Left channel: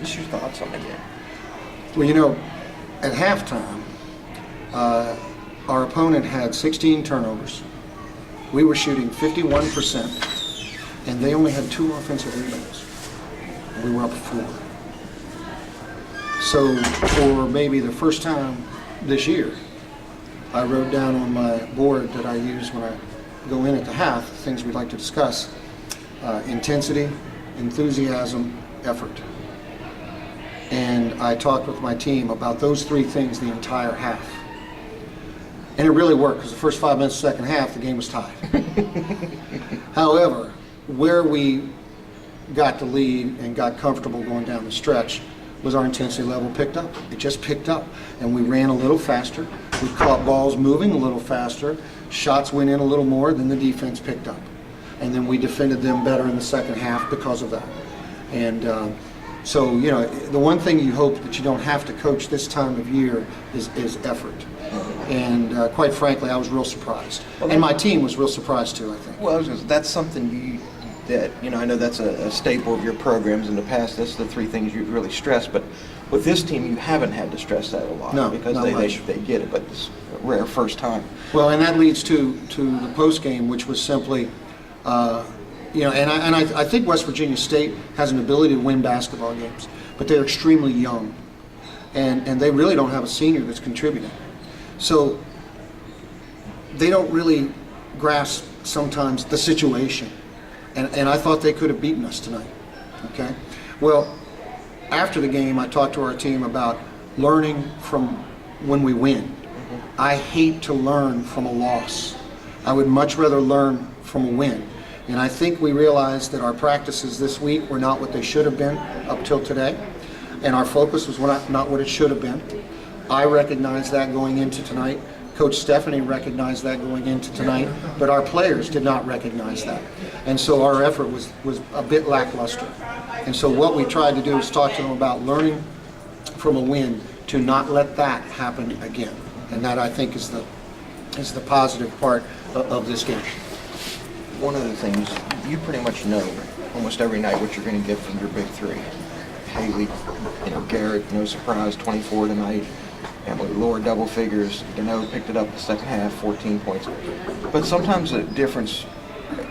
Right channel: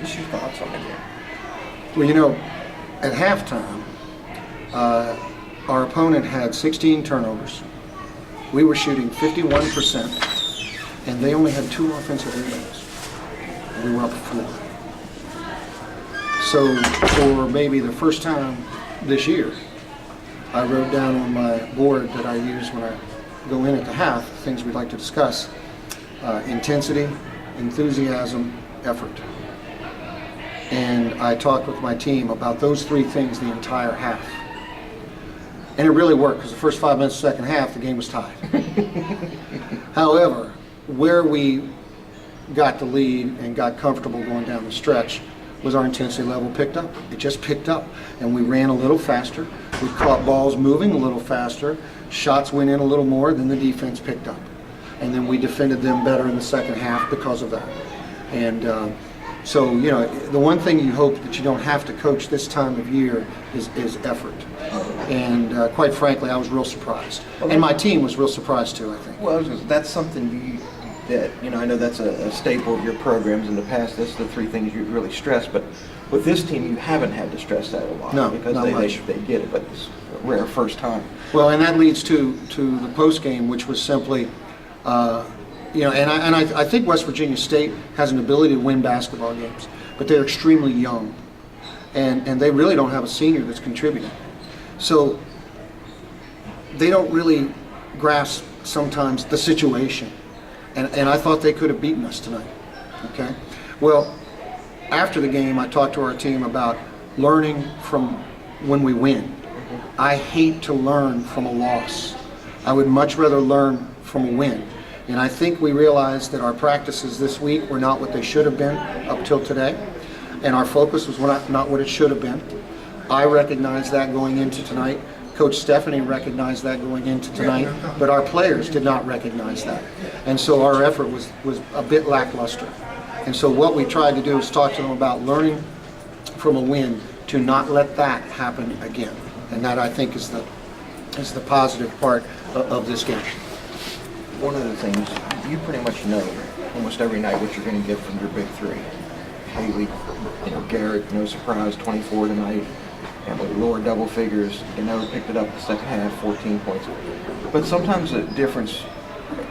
Just your thoughts on the game. Well, at halftime, our opponent had 16 turnovers. We were shooting 51%, and they only had 2 offensive rebounds. We were up 4. So for maybe the first time this year, I wrote down on my board that I use when I go in at the half, things we'd like to discuss: intensity, enthusiasm, effort. And I talked with my team about those 3 things the entire half. And it really worked, because the first 5 minutes of the second half, the game was tied. However, where we got the lead and got comfortable going down the stretch was our intensity level picked up. It just picked up, and we ran a little faster. We caught balls moving a little faster. Shots went in a little more, then the defense picked up. And then we defended them better in the second half because of that. And so, the one thing you hope that you don't have to coach this time of year is effort. And quite frankly, I was real surprised. And my team was real surprised too, I think. Well, that's something that I know that's a staple of your programs in the past. That's the 3 things you really stress. But with this team, you haven't had to stress that a lot. No, because not much. they get it, but it's a rare first time. Well, and that leads to the post game, which was simply, I think West Virginia State has an ability to win basketball games, but they're extremely young, and they really don't have a senior that's contributing. So they don't really grasp sometimes the situation. And I thought they could have beaten us tonight, okay? Well, after the game, I talked to our team about learning from when we win. I hate to learn from a loss. I would much rather learn from a win. And I think we realized that our practices this week were not what they should have been up till today. And our focus was not what it should have been. I recognized that going into tonight. Coach Stephanie recognized that going into tonight, but our players did not recognize that. And so our effort was a bit lackluster. And so what we tried to do is talk to them about learning from a win to not let that happen again. And that, I think, is the positive part of this game. One of the things, you pretty much know almost every night what you're going to get from your big 3. Haley, Garrett, no surprise, 24 tonight. Emily lower double figures. Picked it up in the second half, 14 points. But sometimes the difference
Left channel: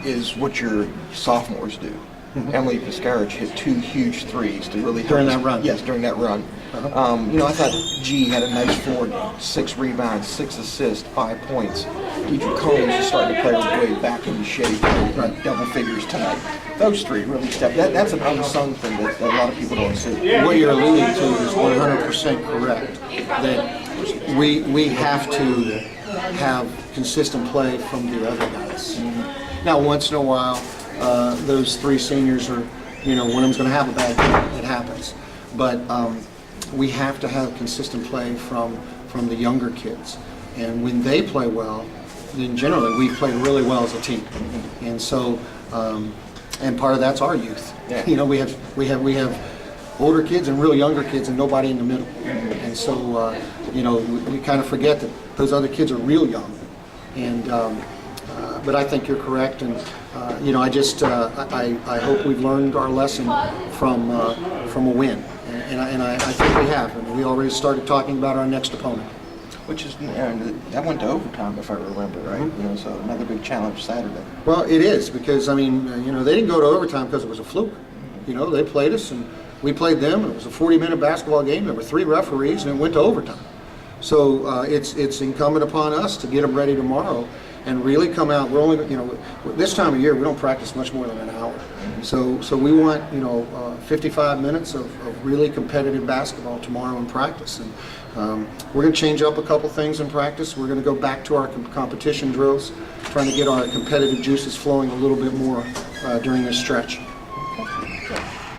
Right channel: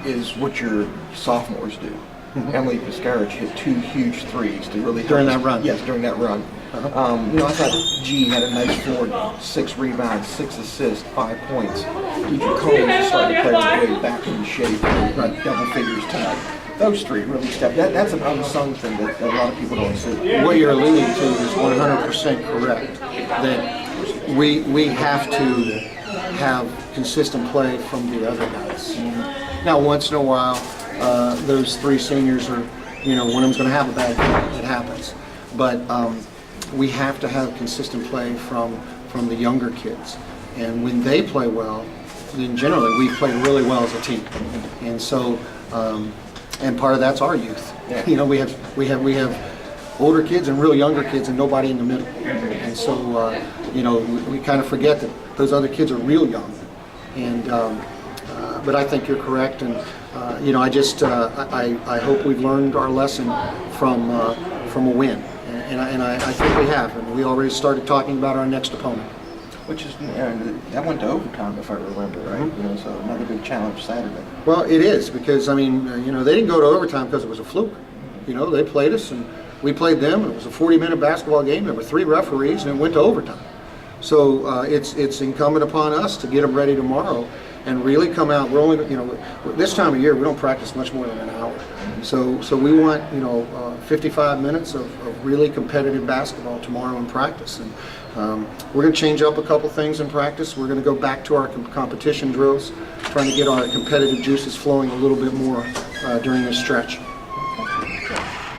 is what your sophomores do. Emily Piscarich hit 2 huge threes to really help during that run. Yes, during that run. I thought G had a nice 4 game, 6 rebounds, 6 assists, 5 points. Deidre Combs is starting to play her way back into shape, double figures tonight. Those 3 really stepped. That's an unsung thing that a lot of people don't see. What you're alluding to is 100% correct. That we have to have consistent play from the other guys. Now, once in a while, those 3 seniors are, one of them's going to have a bad game. It happens. But we have to have consistent play from the younger kids. And when they play well, then generally we play really well as a team. And so, and part of that's our youth. Yeah. We have older kids and real younger kids and nobody in the middle. And so, we kind of forget that those other kids are real young. And but I think you're correct. And I hope we've learned our lesson from a win. And I think we have. And we already started talking about our next opponent. Which is, that went to overtime, if I remember right. So another big challenge Saturday. Well, it is, because they didn't go to overtime because it was a fluke. They played us and we played them, and it was a 40-minute basketball game. There were 3 referees, and it went to overtime. So it's incumbent upon us to get them ready tomorrow and really come out. We're only, this time of year we don't practice much more than an hour. So we want 55 minutes of really competitive basketball tomorrow in practice. And we're going to change up a couple things in practice. We're going to go back to our competition drills, trying to get our competitive juices flowing a little bit more during this stretch.